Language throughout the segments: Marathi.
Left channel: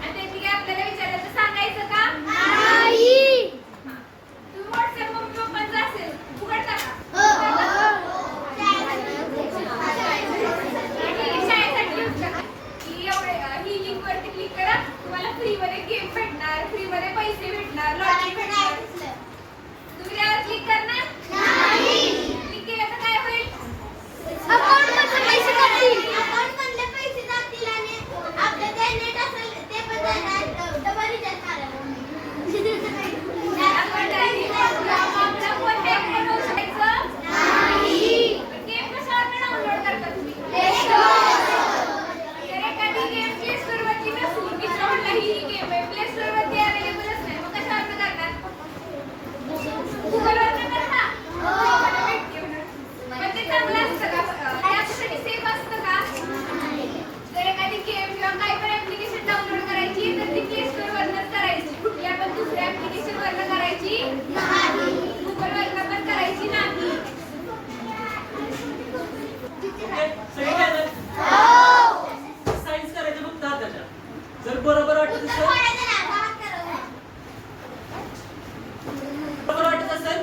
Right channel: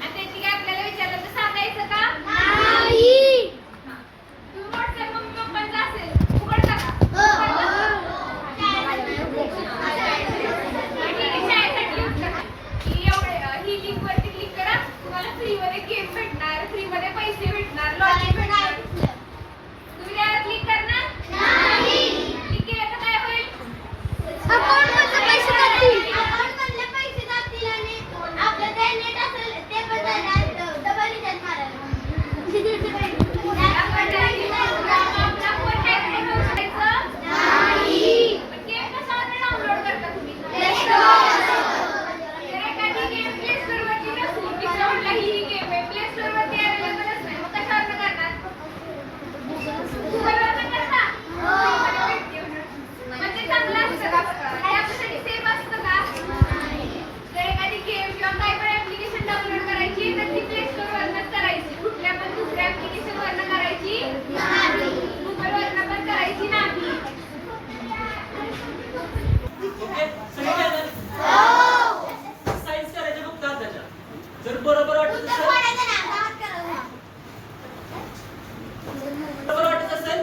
आणि त्यांनी काय आपल्याला विचारलं तर सांगायचं का? नाही. तुम्ही व्हॉट्सअप मम्मी पप्पांचा असेल उघडता का? ठीक आहे, शाळेसाठी यूज करा की एवढे ही लिंक वरती क्लिक करा, तुम्हाला फ्री मध्ये गेम भेटणार, फ्री मध्ये पैसे भेटणार, लॉटरी भेटणार. तुम्ही त्यावर क्लिक करणार? क्लिक केलं तर काय होईल? अकाउंटमध्ये पैसे जातील. अकाउंटमधले पैसे जातील आणि आपलं जे नेट असेल ते पण जाणार. डबल रिचार्ज मारायला. आपला फोन काय बनवू शकायचं? पण गेम कशावर डाउनलोड करता तुम्ही? जर एखादी गेम प्ले स्टोर वरती नसली की म्हटलं ही गेम आहे प्ले स्टोर वरती अवेलेबलच नाही, मग कशावर करणार? गुगल वरनं करता? पण ते चांगलं असतं का? त्यासाठी सेफ असतं का? जर एखादी गेम किंवा काही पण ऍप्लिकेशन डाउनलोड करायची तर ती प्ले स्टोर वरनच करायची, कुठल्या पण दुसऱ्या ऍप्लिकेशन वरनं करायची नाही, गुगल वरनं पण करायची नाही. सायन्स करायचं फक्त हाताच्या. जर बरोबर वाटत असेल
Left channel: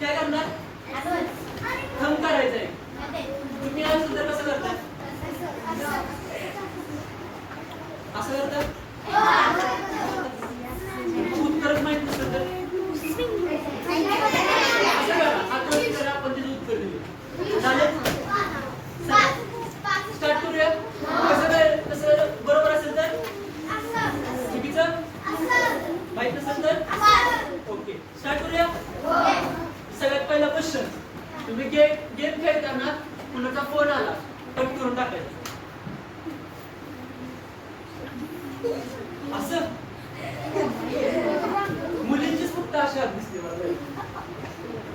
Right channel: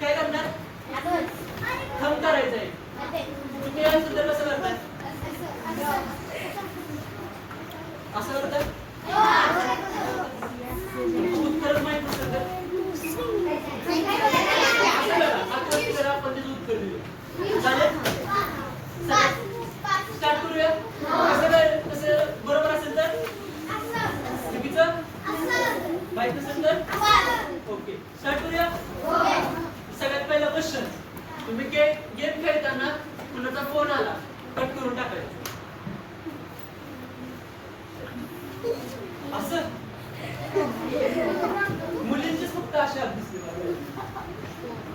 काय करणार? थंब करायचंय. तुम्ही सुद्धा कसं करताय? असं करताय? उत्तरच माहित नसेल तर असं करा. हात वर करा, आपण त्याचं उत्तर देऊ. चालेल? स्टार्ट करूया. कसं बरोबर असेल तर चुकीचं माहित नसेल तर ओके. स्टार्ट करूया. सगळ्यात पहिला क्वेश्चन, तुम्ही गेम खेळताना कुणाचा फोन आला कट करून टाकायचा. असं मुलींचीच फक्त अशा दिसते मला.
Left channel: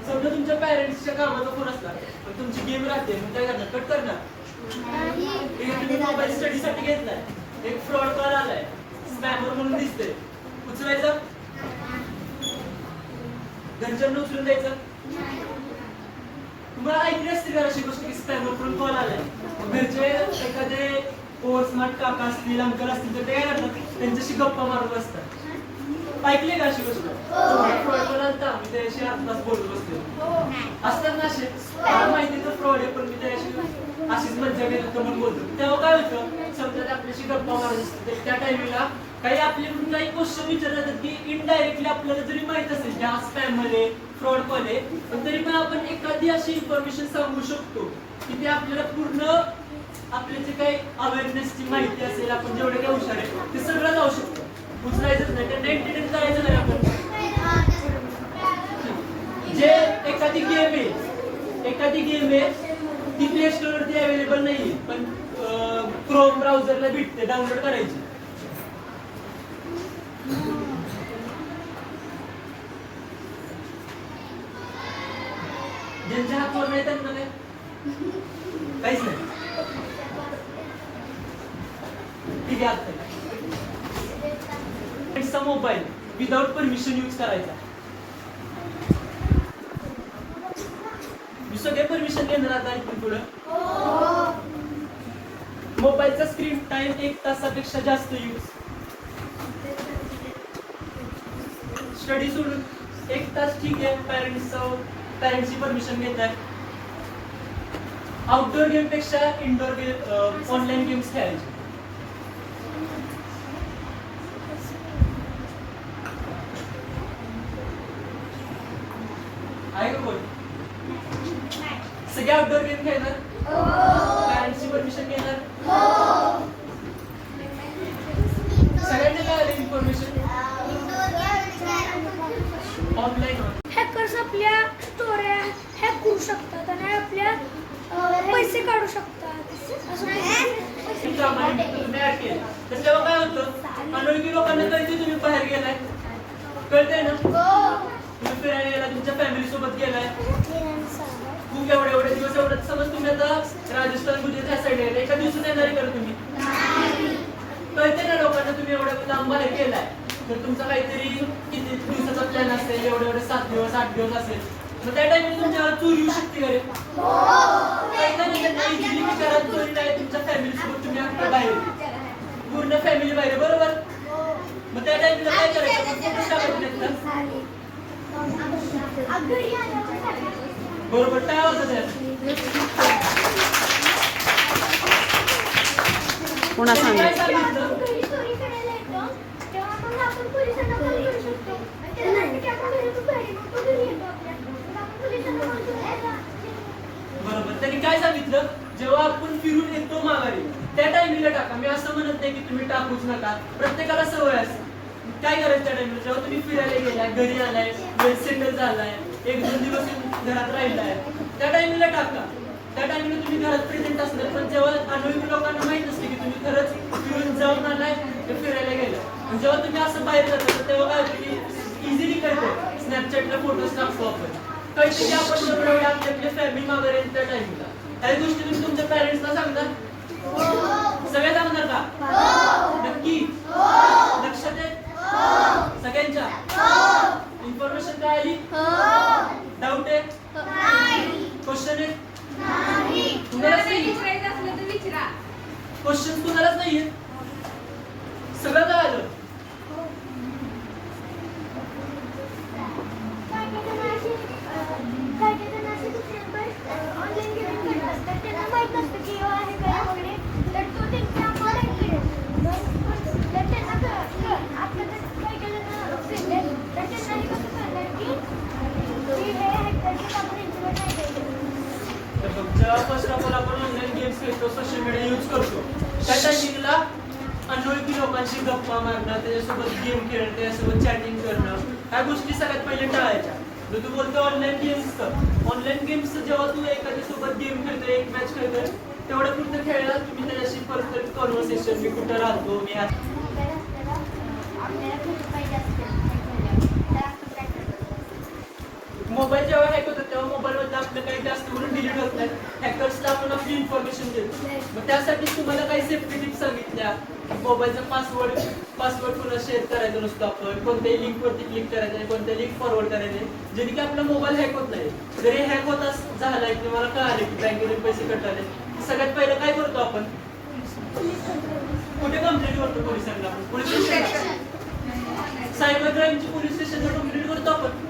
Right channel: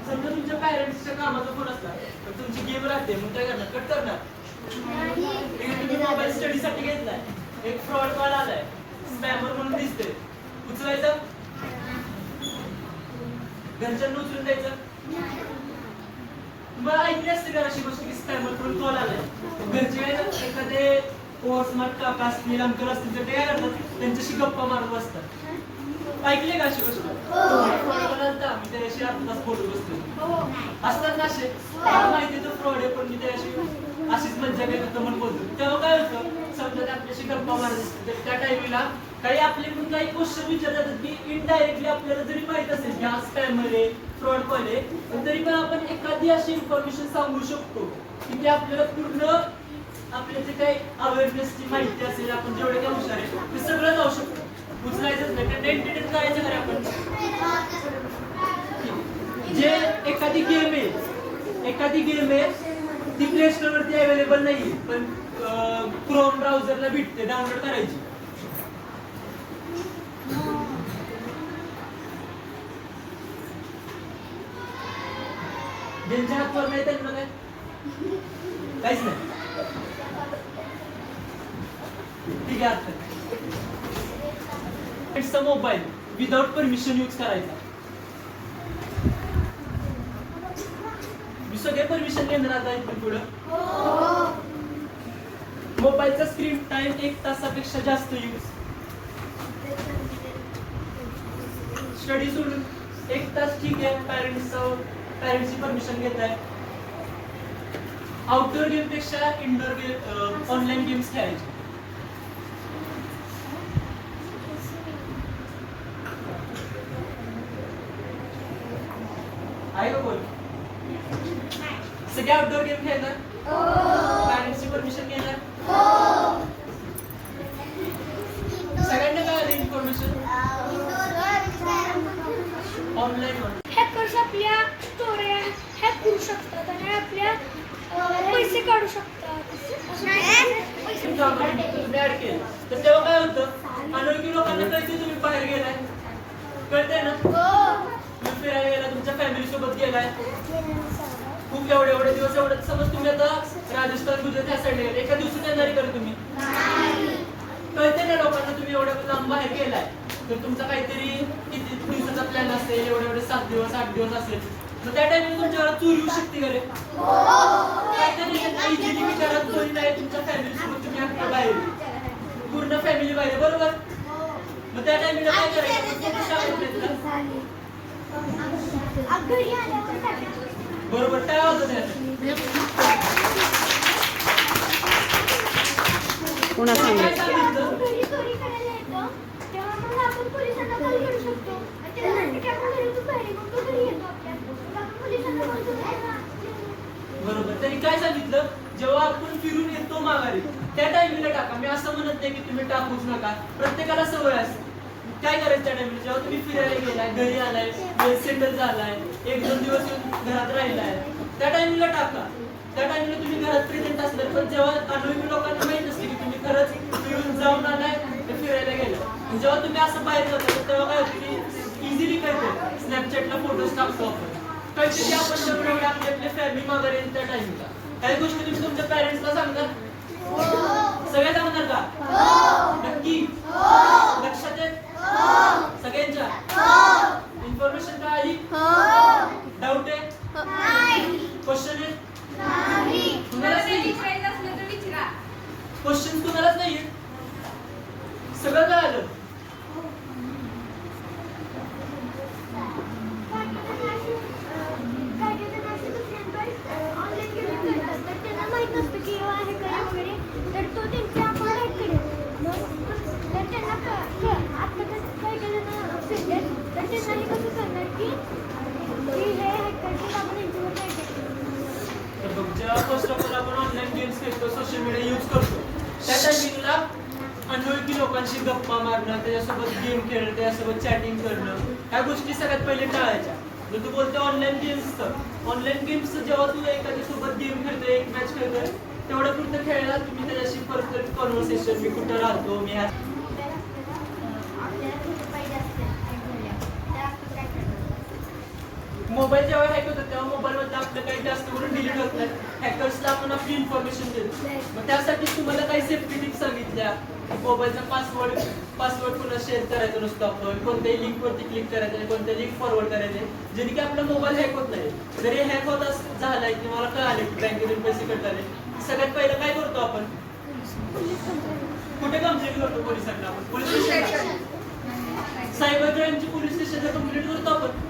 समजा तुमच्या पॅरेंट्सच्या कामाचा फोन असला पण तुमची गेम राहते, मग काय करणार? कट करणार. तुम्ही मोबाईल स्टडीसाठी घेतलाय, एक फ्रॉड कॉल आलाय, स्पॅमर म्हणून दिसते, उचलायचं? घरच्यांना उचलून द्यायचं? तुम्हाला ऐकली असते का अशी गोष्ट की स्पॅमर म्हणून कॉल आलाय, घरचे एखादे स्मार्ट काका असतील, अंकल असतील तर ते काय करतात? त्यांच्याशी गप्पा मारत असतात. ऐकले का अशी गोष्ट? मी त्याशी आत्ताच बोलत बसते. असतात ना असे, माहिती तर फ्रॉड आहे पण मी त्याशी अशीच मज्जा घेतो तर मग बोलतो. तेव्हा काय होतं? समजा आपल्याशी गप्पा मारत असते, त्या टायमिंगला काही आपल्याकडून काही क्वेश्चन विचारतात की इनडायरेक्टली आपल्याला जरी माहित असेल की हा स्पॅम आहे, फ्रॉड कॉल आहे, पण तरी पण आपण एखादी अशी इन्फॉर्मेशन सांगू शकतो की ते आपल्याला पूर्ण आपल्या जे काही अवेअरनेसची माहिती असेल, आपण जेवढे काही हुशार आहे ते सगळं जाऊ शकतो. उचलायचंच नाही, त्यांना एंटरटेन करायचं नाही आपण. जे एखादी गेम आहे ती प्ले स्टोर वरती अवेलेबल नाहीये पण क्रोम ब्राउझरला भेटते, डाउनलोड करायची. ज्यांच्या हातवर नाही त्यांना काय काहीच नाही. ठीक आहे. आता मोबाईल विदाउट परमिशन यूज करायचा. सगळे परमिशन घेणार आता इथून पुढे. मोबाईलचा स्क्रीन टाइम 1 तासापेक्षा जास्त यूज. स्टडी सोडून 1 तास ठीक आहे, पॅरेंट्सची परमिशन घेत आहे. आउटडोर गेम पेक्षा इंडोर गेम, ऑनलाईन गेम्स खेळायचे. आहे का बोल? सगळे आउटडोर गेम खेळणार? पॅरेंट्सची परमिशन घेणार? सगळ्यांना काय आलं इन्फॉर्मेशन? ऑनलाईन. हॅकर्स आपल्या स्टोऱ्या हॅक करू शकतात आणि आपल्या पैसे काढू शकतात. तर तेव्हा काय होतं? अनोळखी लोकांना कळते तुम्ही बाहेर गेलाय, कळतंय ना? तुम्ही फिरायला गेला, तुमच्या फॅमिली सोबत गेलाय, खूप एवढे दिवस एवढं. समज तुम्ही आता राजस्थान, गुजरात ह्या साईड गेला, एका दिवसात येणारी करा तुम्ही. कळते ना लोकांना तुम्ही एवढ्या लांब बाहेर गेलाय, तर तुमचा काहीतरी किती दिवसाचा प्लॅन असेल, एवढे 7 दिवस 8 दिवस असेल, मग त्या टाइमिंग तुमच्यावर चोरी येऊ शकते का रे? इझिली विचारात चोरी नाही, तुमच्या फॅमिली सोबत तुम्ही बाहेर, पूर्ण फॅमिली बाहेर, बरोबर? मग त्या टाइमला काय करायचं? फोटो टाकायचे नाहीत का? घरी आल्यावर टाकायचं. बरोबर, काय होतं त्यात? पुन्हा काय सांगितलं सांगितलं? घरी चोरी करायला येतो तेव्हा मग आपण पोलिसांना कॉल करू शकतो आणि त्याच्यासाठी की आपण घरी तू घरी मग तो घरी येतो आपल्या मग आपण पोलिसांना कॉल करू बरोबर, त्यांनी काय सांगितलं? जेव्हा आपण फिरून येतो माघारी त्या टायमिंगला टाका. मी असं म्हणत नाही की तुम्ही टाकूच नका, प्रत्येकाला सवय असते. काय करायचं त्या टायमिंगला? जेव्हा तुम्ही फिरायला गेलाय, घरी आलाय, वेल सेटल झालाय, 1-2 दिवस येऊन घरात राहिलाय, त्या टायमिंगला टाका. त्या टायमिंगला तुम्ही घरात प्रेझेंट असणार. पण जेव्हा अनोळखी लोकांना माहित नसते की तुम्ही खरंच फिरून जाऊन आलाय ते फिरायला गेलाय, आणि जेव्हा तुम्ही असं बाहेर जाता तेव्हा काय होतं की इझिली कळतो. स्नॅपचॅटला फोटोज टाकतो आपण, कळते की आपण जेवढे आपल्या फॅमिली मागे येईल त्या टाइमला. काही गोष्टी तुम्ही तुमच्या पॅरेंट्सला सांगता? सगळे सांगणार का? नक्की? लक्षात येत सगळ्यांच्या? इन्फॉर्मेशन काय आली? डाऊट आहे? क्वेश्चन आहे? तुम्हाला काही विचारायचं असलं तर विचारा. क्वेश्चन कुणालाच नाहीये? सगळं काय आलं? ऑनलाईन गेम खेळतात तर त्यांना माहित नसतं की आहे काय वगैरे तर तो त्यांच्या अकाउंट मग तर त्यांना आपलं काही जण फिरले तर त्यांनाही कसं कळणार की हे हॅक करतात आपण यांच्यावर काय करायचं. तर बघ, जेव्हा फर्स्ट ऑफ ऑल आपण ऑनलाईन गेम्स खेळतो, सोशल मीडिया यूज करतो, त्या टायमिंगला अनोळखी लोकांशी गप्पा मारणं, त्याच्यासोबत गेम खेळणं, त्याच्यासोबत चॅटिंग करणं, ह्या गोष्टी सगळ्यात पहिले टाळायच्या. जर तू बोलतो ऑनलाईन गेम्स, तर ऑनलाईन गेम्स जेव्हा तू एखाद्यासोबत गेम खेळतोय, एक मॅच खेळतोय, तेवढं पुरतं खेळला तुम्ही त्याच्याशी पर्सनल कॉन्व्हर्सेशन, मी कुठं राहतो, मी मोबाईल असताना आपल्याला खूप पाहिजे असते त्या आपण काय करतो. मोबाईल जेव्हा हॅक होतात तेव्हा मोबाईलमधलं आपलं काही जास्त करून डिलीट होत नाही. हॅकर्सला आपण आपली इन्फॉर्मेशन देतो. मग त्यासाठी तुम्हाला काही सेफ्टी टिप्स सांगितल्या. मोबाईलचा पासवर्ड पुन्हा शेअर करायचा नसतो आपण, कोणत्याही लिंकवरती क्लिक करायचं नाही, कोणत्याही लिंक फॉरवर्ड करायचे, जेणे की आपला मोबाईल हॅक होत नाही. जरी हॅक होत झालाय की मला कळाले की बँकेतून पैसे कटले, सगळ्यात पहिलं काय करतो आपण? कुठे कंप्लेंट करतो? पोलिसांना. पोलीस स्टेशन, सायबर क्राईमची पोलीस स्टेशनला कंप्लेंट करतो आपण.